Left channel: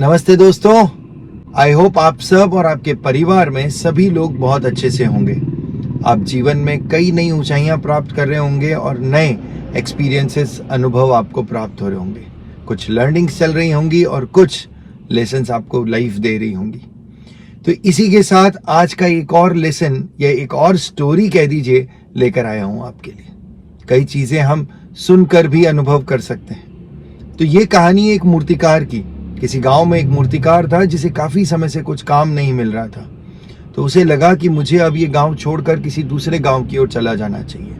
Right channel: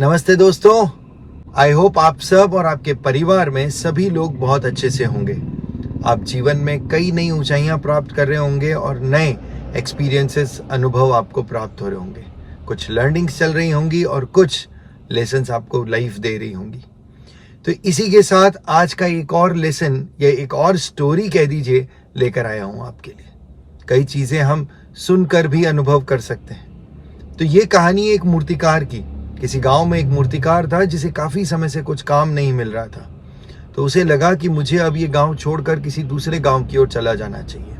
नमस्ते दोस्तों, I hope आप सब और आपके परिवार में सभी लोग बहुत अच्छे से होंगे। आप जीवन में कई नई ऊंचाइयां प्राप्त कर रहे होंगे और नए एक्सपीरियंसेस, अनुभव आपको प्राप्त हो रहे होंगे। कुछ लर्निंग्स चल रही होंगी और कुछ लेसन्स आपको लाइफ दे रही होंगी। तो इसी के साथ आज का एक और लेसन या एक और स्टोरी कह दीजिए लेकर आया हूं आपके लिए। कई चीजें हम सुनकर भी अनुभव कर सकते हैं। तो ये कहानी एक मूर्तिकार की। किसी गांव में एक मूर्तिकार था जिसे काफी समय से कुछ काम नहीं मिल रहा था। तो उसे लगा कि मुझे अब ये गांव छोड़कर किसी दूसरे गांव की ओर चला जाना चाहिए।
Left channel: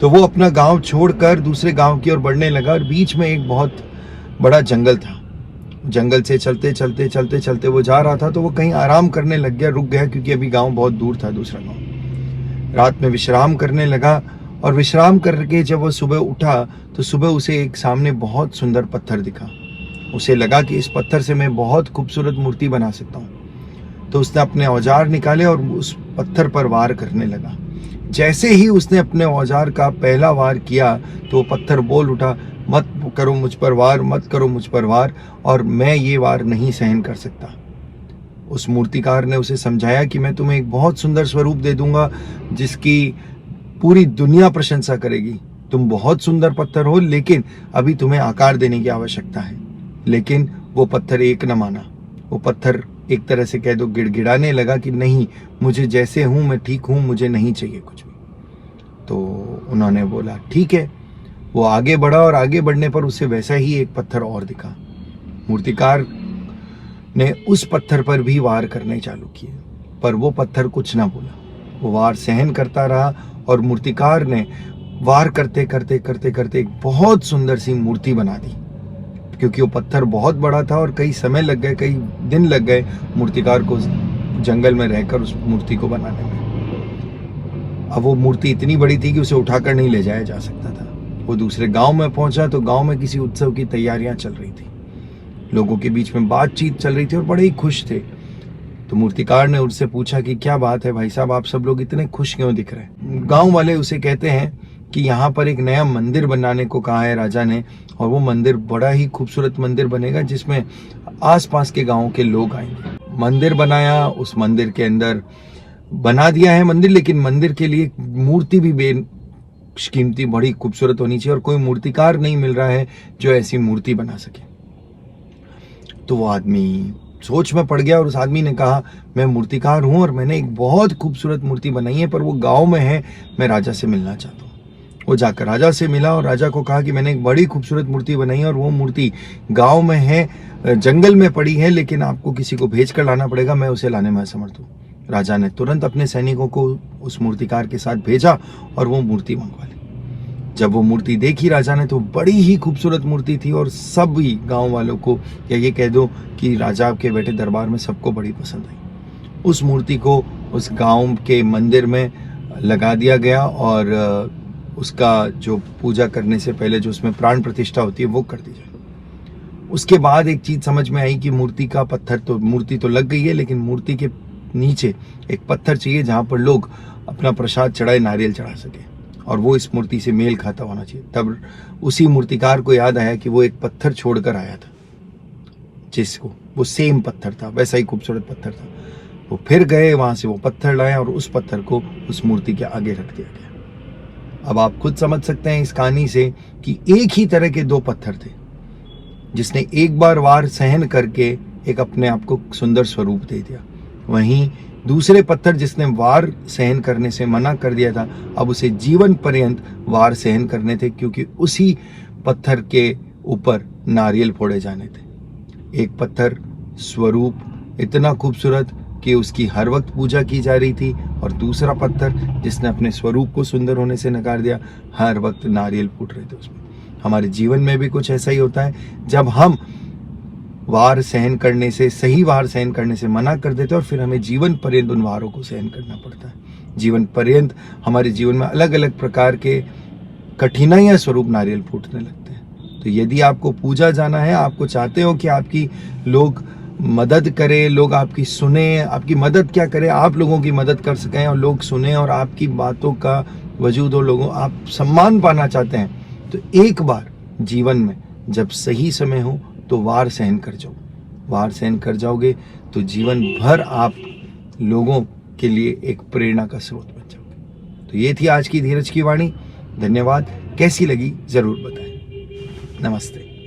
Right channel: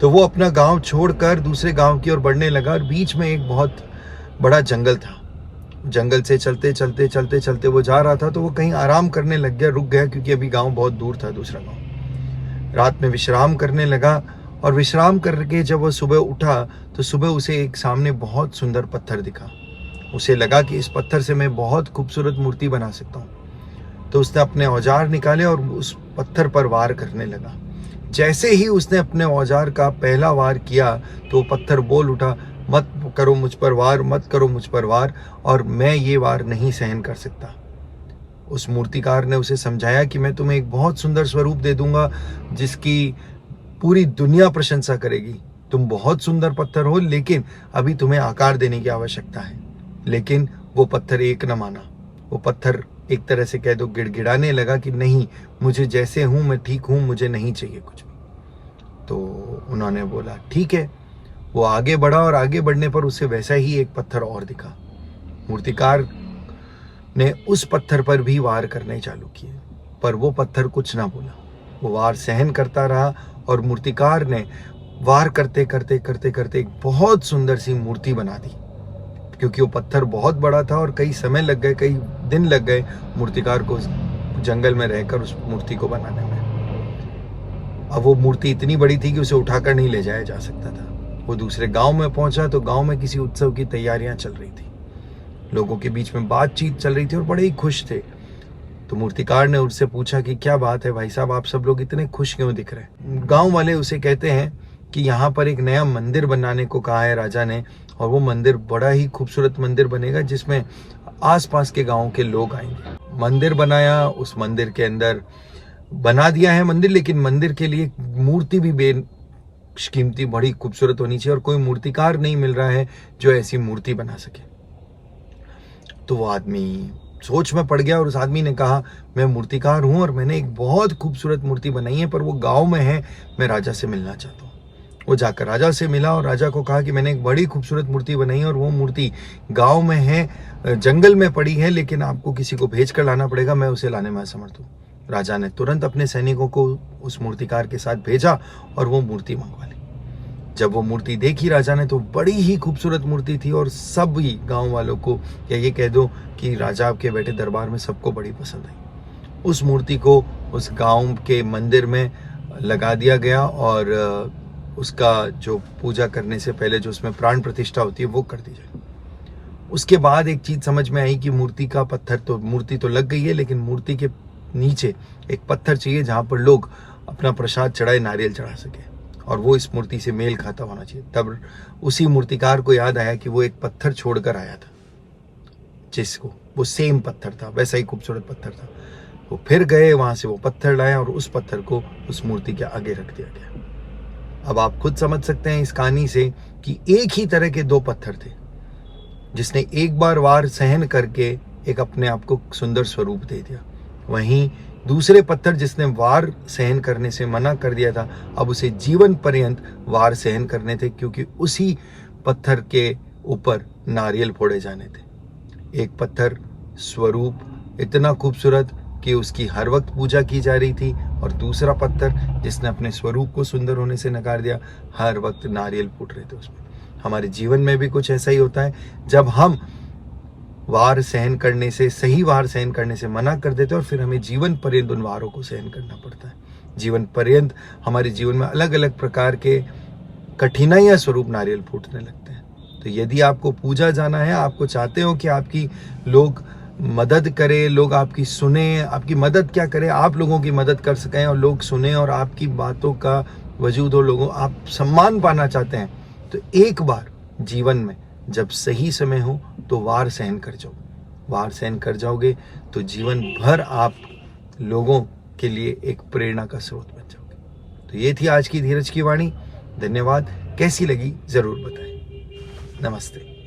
तो वो अपना गांव छोड़कर दूसरे गांव की ओर बढ़ने लगा और बीच में एक बहुत बड़ा जंगल था। जंगल से चलते चलते चलते चलते वो जा रहा था तो वो कहीं आराम करने लग गया, रुक गया, क्योंकि अभी गांव बहुत दूर था, दूसरा गांव। रात में विश्राम करने लगा और विश्राम करके जब वो सुबह उठा तो सुबह उसे एक सामने बहुत सुंदर पत्थर दिखा। उसे लगा कि इस पत्थर से मैं बहुत खूबसूरत मूर्ति बना सकता हूँ। तो उसने अपने औजार निकाले और उस पत्थर पर वार करने लगा। जैसे ही उसने अपने औजार का पहला वार किया तो वो पत्थर बोल उठा, मत करो मुझ पर वार, मत करो मुझ पर वार, और मैं ये वार नहीं सहन कर सकता। उस मूर्तिकार ने उसे समझाया कि मैं तुम्हें एक बहुत सुंदर स्वरूप दे दूंगा जिसकी पूरी दुनिया प्रशंसा करेगी। तुम बहुत सुंदर पत्थर हो, लेकिन अभी तुम्हें आकार देने की आवश्यकता है। लेकिन वो पत्थर एक न माना। वो पत्थर एक तरह से कह दो गिड़गिड़ाने लगा कि नहीं, मुझे जैसे हूं मैं ठीक हूं, मुझे नहीं चाहिए कुछ भी। तो उन्होंने बोला ठीक है। वो आगे बढ़ा और आगे बढ़ने पर उसे वैसा ही एक पत्थर और दिखा। मूर्तिकार ने उस पत्थर पर भी वार करने चालू किए, पर वो पत्थर कुछ ना बोला। वो वार सहन करता रहा और मूर्तिकार ने वार करते करते करते करते एक बहुत सुंदर सी मूर्ति बना दी। क्योंकि वो पत्थर बहुत बड़ा था और कई समय लग गए, कई दिन लग गए मूर्तिकार को जंगल में रहकर उस मूर्ति को बनाने में। अब वो मूर्ति इतनी बड़ी थी कि उसे उठाकर नहीं ले जाया जा सकता था। वो दूसरे गांव में पहुंचा तो गांव में किसी उत्सव की तैयारियां चल रही थी। लोगों के बीच में बातचीत चल रही थी और बड़े ही खुश थे। तो मूर्तिकार ने उससे पूछा कि क्या बात है भाई साहब, आप सब लोग इतने खुश क्यों दिख रहे हैं? गांव वाले उसे कहते हैं कि यहाँ पर एक नया मंदिर बनाने को कहा है राजा ने, और वो मंदिर बड़ा ही खूबसूरत मंदिर बनेगा जिसमें आसपास के गांवों के लोग आएंगे। मंदिर बनाया, उस मंदिर के अंदर बना दिया है मंदिर, लेकिन मंदिर के लिए मूर्ति भी बेशकीमती बड़ी खूबसूरत होनी चाहिए और कोई मूर्तिकार नहीं मिल रहा है जो ऐसी मूर्ति बना सके। तो वो आदमी सोच में पड़ गया और उस आदमी ने कहा, मैं मूर्तिकार हूं और मैंने एक बहुत खूबसूरत मूर्ति बनाई है, पर वो गांव में है, मैं राजा से मिलना चाहता हूँ। वो जाकर राजा से मिला और राजा को कहा कि मैंने एक बड़ी खूबसूरत मूर्ति बनाई है और वो मूर्ति गांव में है, जंगल में पड़ी है, लेकिन आपको किसी को भेज कर लाना पड़ेगा, मैं उसे लाने में असमर्थ हूँ। राजा ने तुरंत अपने सैनिकों को उस मूर्तिकार के साथ भेजा और वो मूर्ति मंगवा ली। जब वो मूर्ति देखी राजा ने तो बड़ी ही खूबसूरत मूर्ति थी और सभी गांव वालों को, या ये कह दो कि राजा के बेटे दरबार में सबको बड़ी पसंद आई। उस मूर्ति को उस गांव के मंदिर में लगा दिया गया और उसका जो पूजा करने से पहले जो उसमें प्राण प्रतिष्ठा होती है वो कर दी जाए। उसके बाद एक चीज समझ में आई कि मूर्ति तो लग गई है, लेकिन मूर्ति के नीचे एक पत्थर चाहिए जहां पर लोग अपना प्रसाद चढ़ाए, नारियल चढ़ा सके, और वो इस मूर्ति से मेल खाता होना चाहिए। तब उसी मूर्तिकार को याद आया कि वो एक पत्थर छोड़कर आया था, जिसको वो सेम पत्थर था, वैसा ही खूबसूरत पत्थर था। वो फिर गए, वहां से वो पत्थर लाए और उस पत्थर को उस मूर्ति के आगे रख दिया गया। अब आप खुद समझ सकते हैं इस कहानी से कि एक ही तरह के दो पत्थर थे, जिसने एक बार वार सहन करके एक अपने आप को सुंदर स्वरूप दे दिया। वहीं दूसरे पत्थर जिसने वार सहन करने से मना कर दिया था, अब उसे जीवन पर्यंत वार सहन करने थे, क्योंकि उसी पत्थर के ऊपर नारियल फोड़े जाने थे। एक पत्थर स्वरूप इतना खूबसूरत कि उसकी हर वक्त पूजा की जा रही थी, और दूसरा पत्थर जिसने अपने स्वरूप को सुंदर होने से नकार दिया, हर वक्त नारियल फूट रहे थे उसमें। हमारे जीवन में भी कुछ ऐसा ही होता है, जब हम वार सहन करने से, सही वार सहन करने से मना कर देते हैं और फिर हमें जीवन पर्यंत उन वारों को सहन करना पड़ता है। जीवन पर्यंत हमारे जीवन में अलग अलग प्रकार के कठिनाइयां स्वरूप नारियल फूटने लगते हैं। तो यदि आपको पूजा जाना है, आपको चाहते हो कि आपकी लोग मदद करे, लोग आपकी सुने, आपकी मदद क्या करे, आप लोगों की मदद कर सकें और लोग सुने और आपकी बातों का वजूद हो, लोगों आप सम्मान पाना चाहते हैं, तो एक बार जीवन में जब सही समय हो तो वार सहन कर जाओ। वार सहन कर जाओगे तो जीवन भर आप लोगों के लिए एक प्रेरणा का स्रोत बन जाओगे। तो ये थी आज की धीरज की वाणी। धन्यवाद। कैसी लगी ज़रूर बताएं। नमस्ते।